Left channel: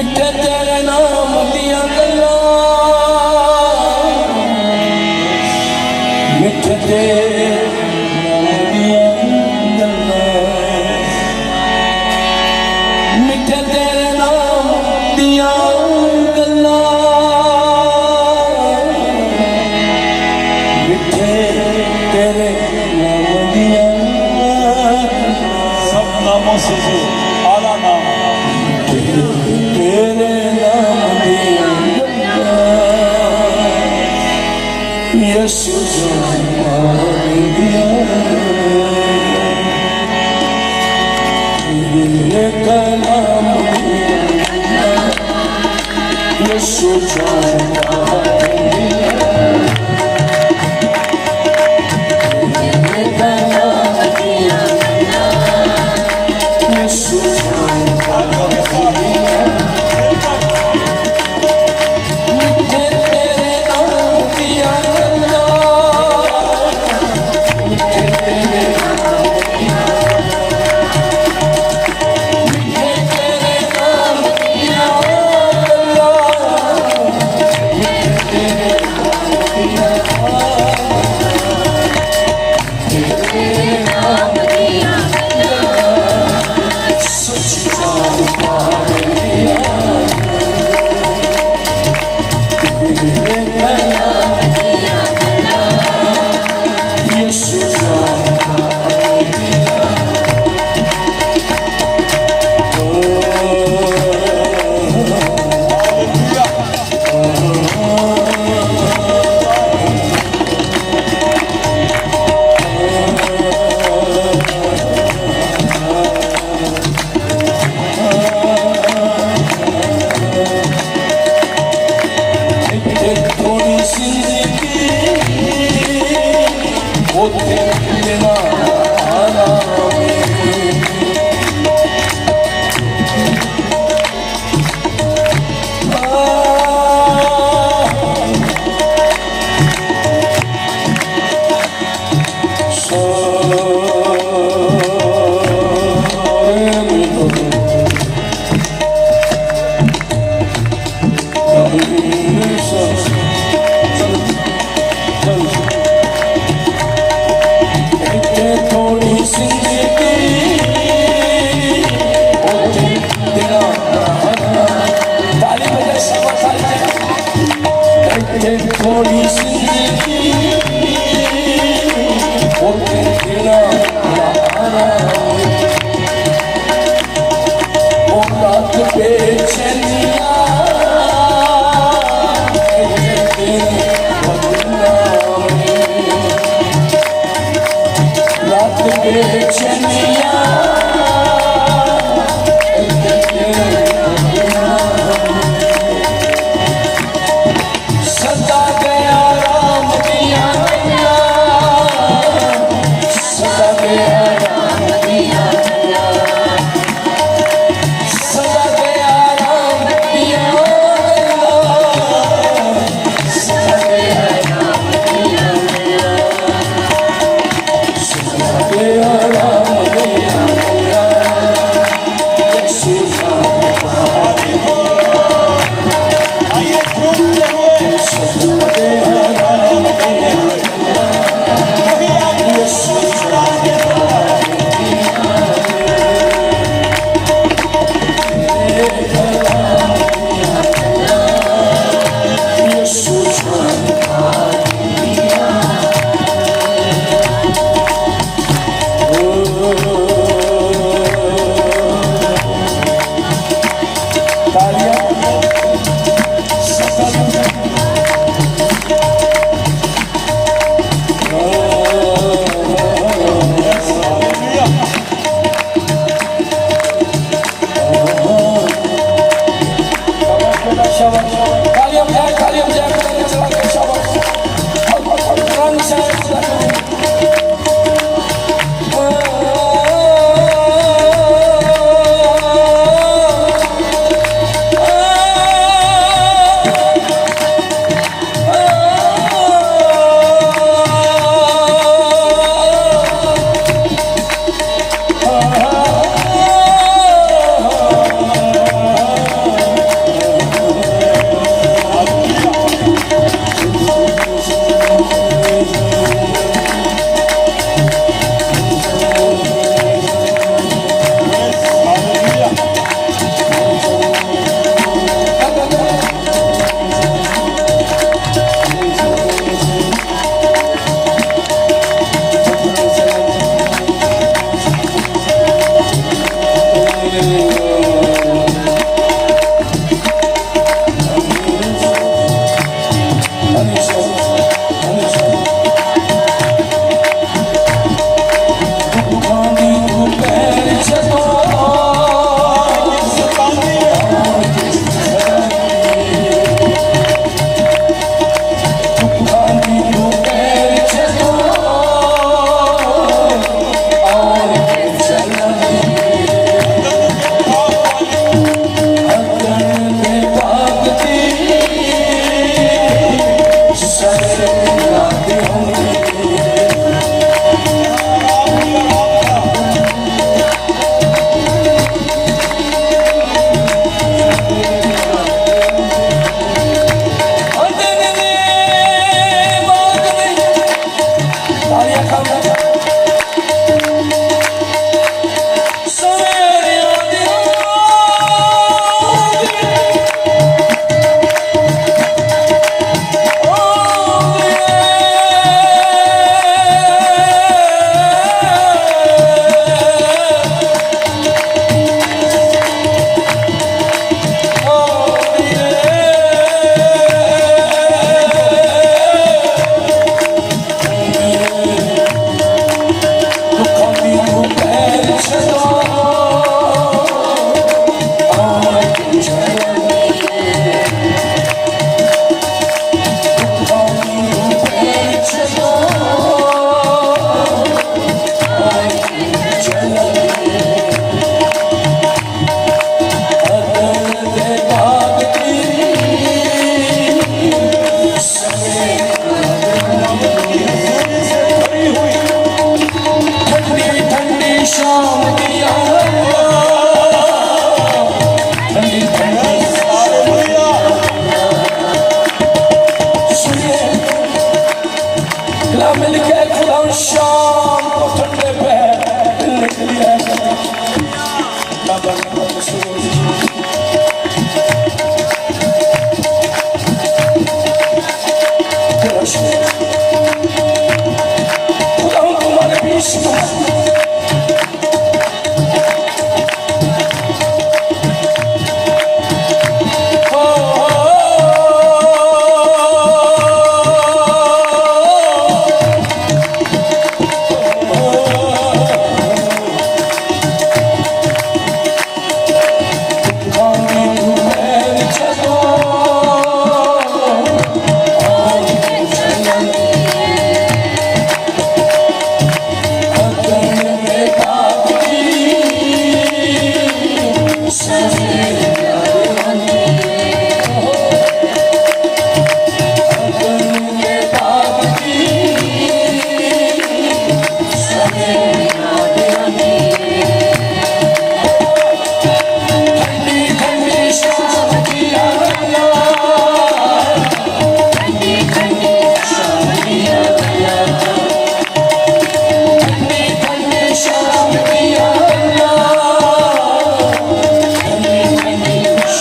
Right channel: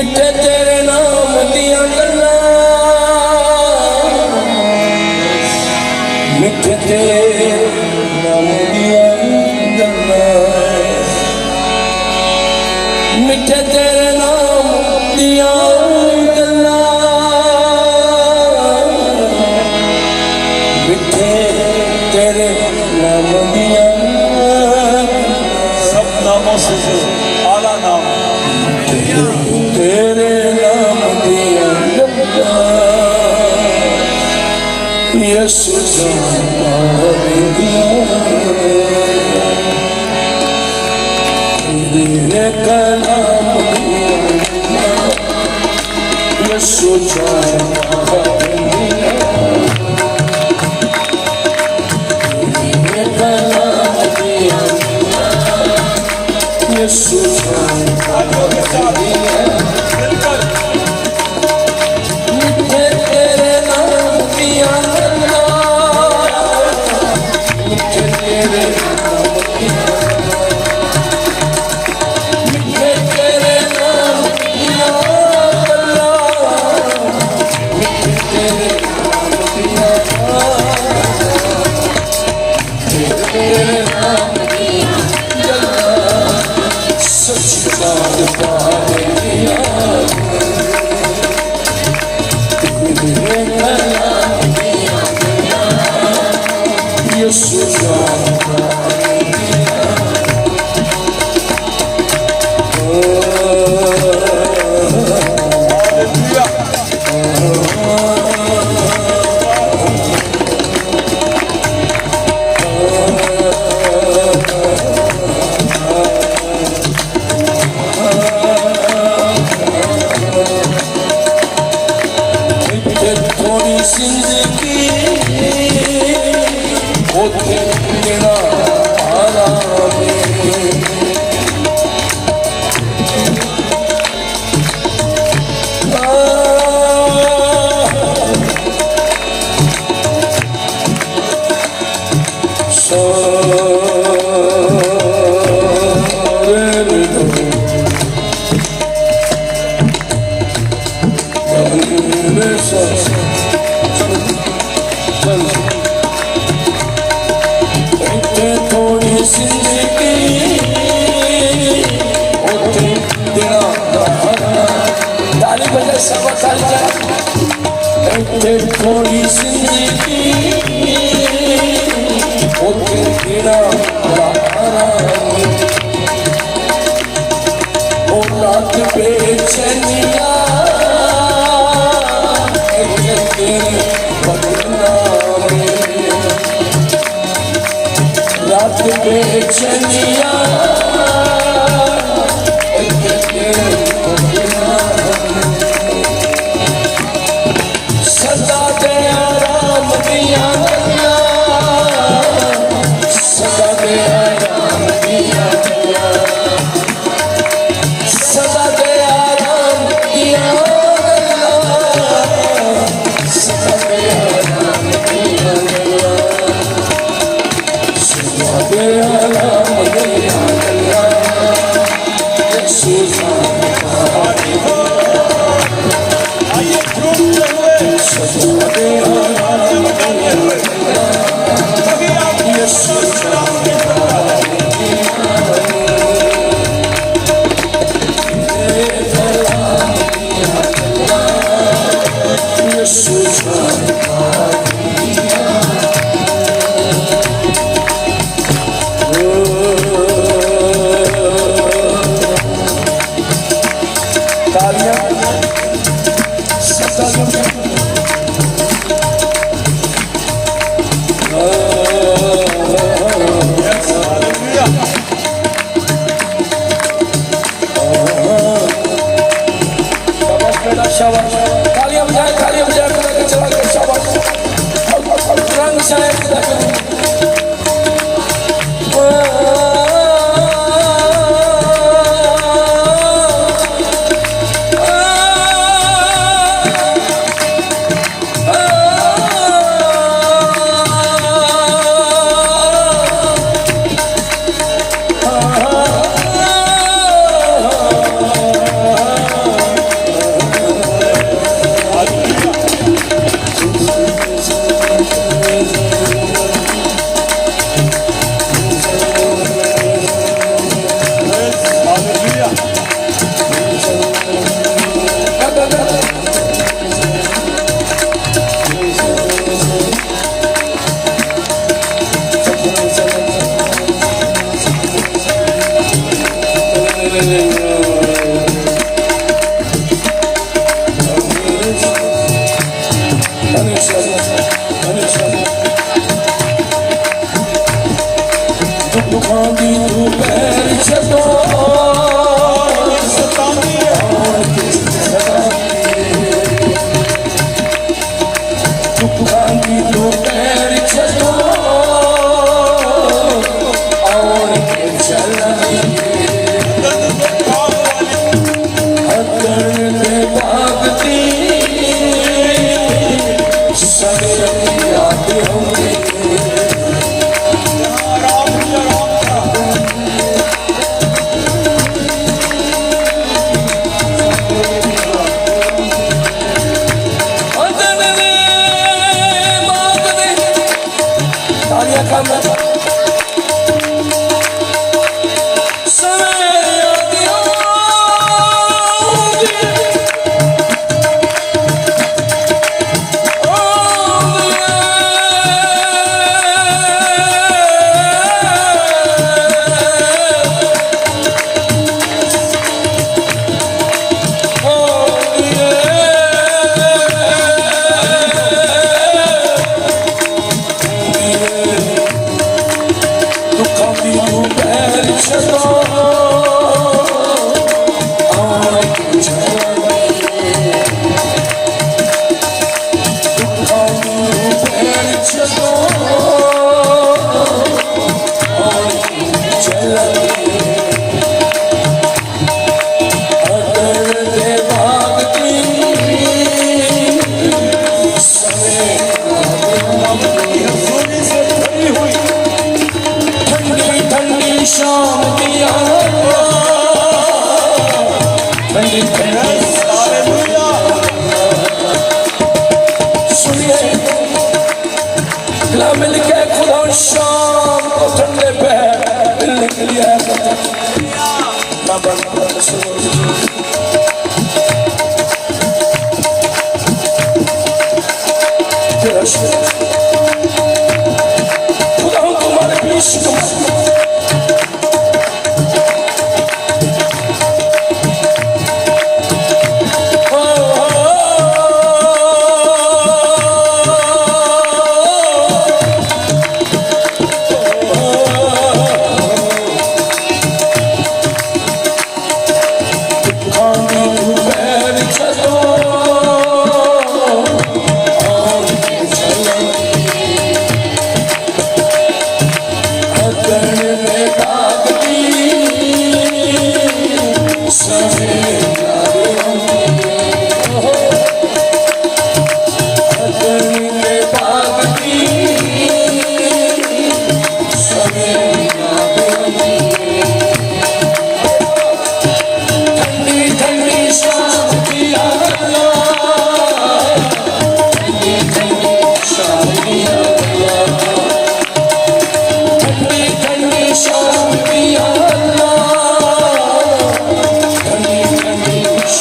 मिठे तेरे नाम दिया गल्ला, मिठे तेरे नाम दिया गल्ला, मिठे तेरे नाम दिया गल्ला, मिठे तेरे नाम दिया। सब नामों से जो आला नाम तेरे नाम दिया यीशु दिया, तेरे नाम दिया यीशु थोड़ी जिंदगी होते तेरा थोड़ी जिंदगी होते तेरा ओ रात बेचैनिया रात बेचैनिया सदा गया राम दिया, सदा गया राम दिया, सदा गया राम दिया, सदा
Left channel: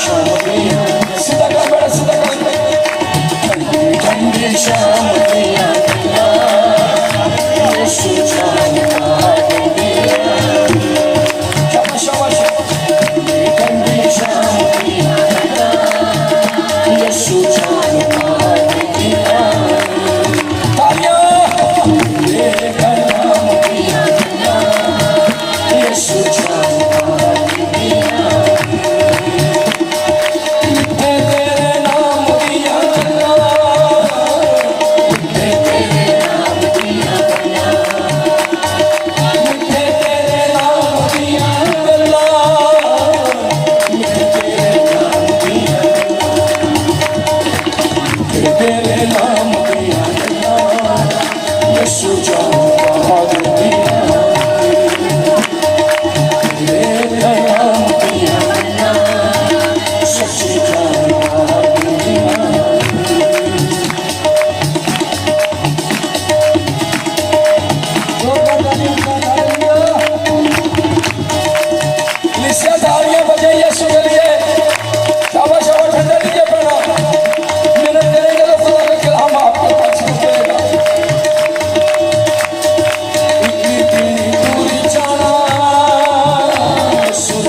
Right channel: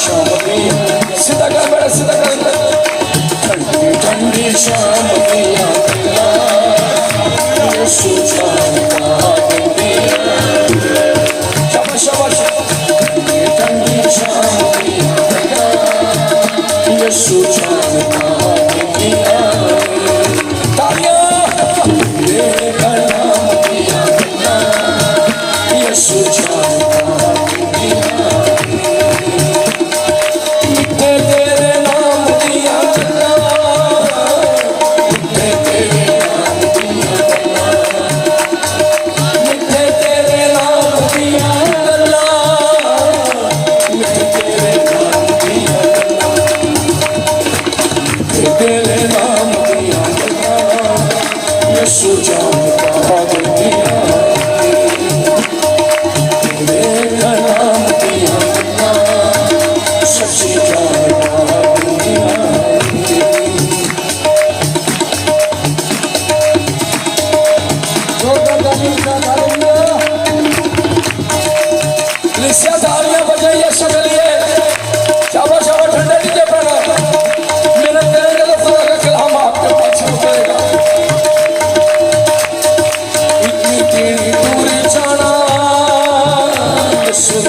शाम पिया सीधा कर मेरा सीधा कर ठंडी ठंडी शाम पिया यीशु जानता पिया शाबाश शाबाश ठंडी ठंडी शाम पिया यीशु जानता पिया तेरा नाम पिया यीशु जानता पिया तेरे नाम दिया तेरे नाम दिया तेरे नाम दिया तेरे नाम दिया तेरे नाम दिया यीशु जानता दिया तेरा नाम दिया सच्ची जानता दिया तालियां बजाइए यीशु के लिए शाबाश शाबाश ठंडे नीचे पड़ा मेरा करेंगे तो पूरा कल हम आपके पास रुकेगा इतनी तेरी पूरी जाना यीशु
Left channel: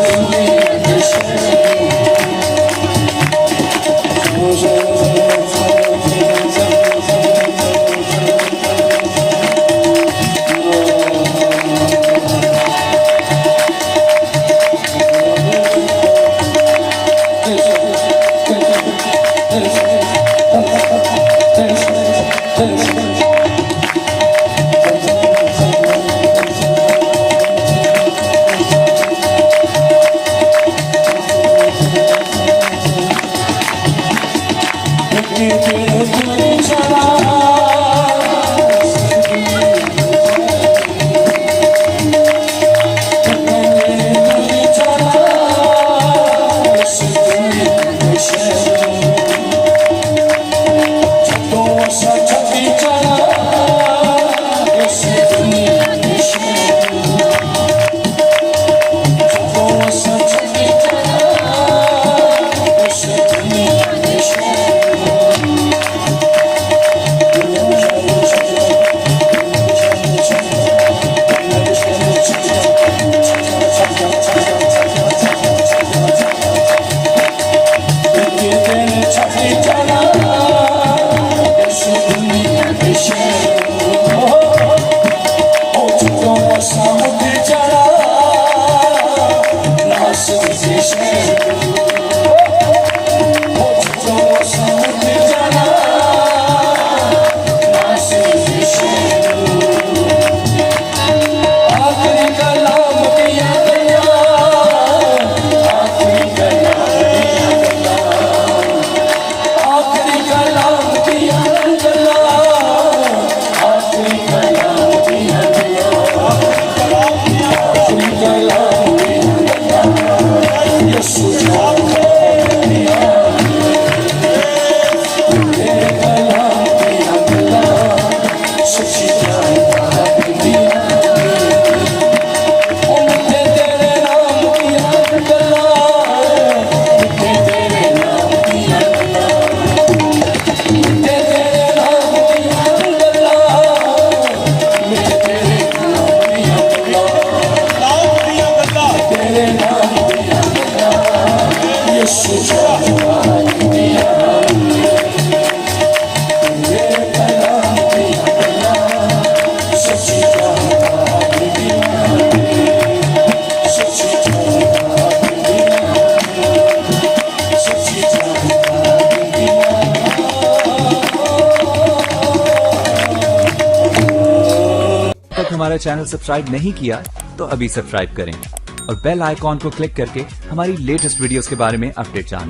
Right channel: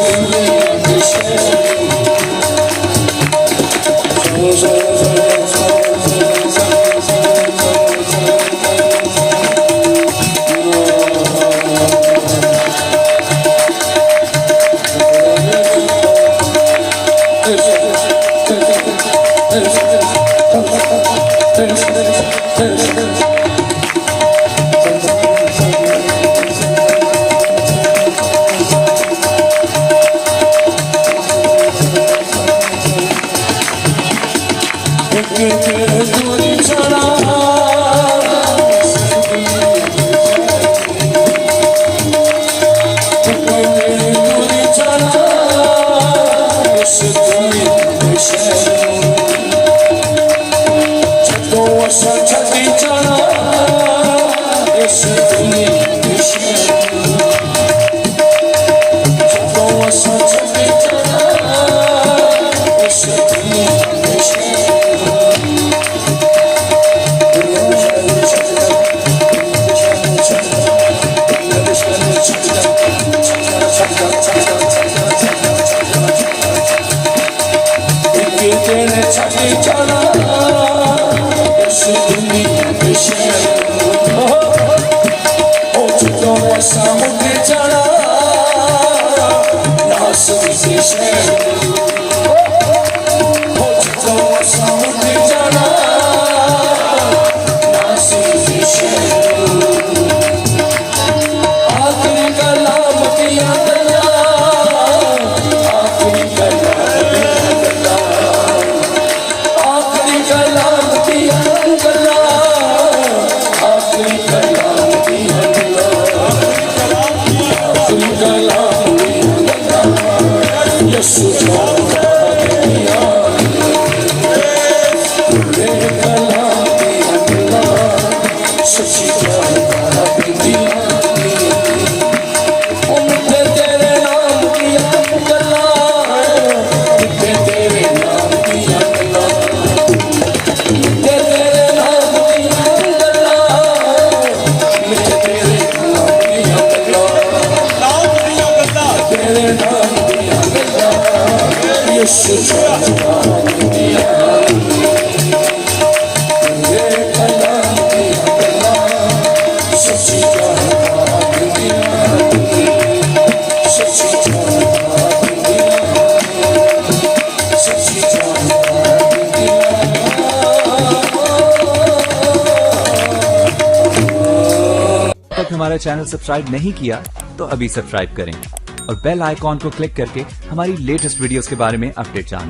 ने हमारा चैनल सब्सक्राइब नहीं किया तो अभी सब्सक्राइब करें और बेल आइकॉन को क्लिक करके हमारी लेटेस्ट वीडियोस के बारे में अपडेट जानें।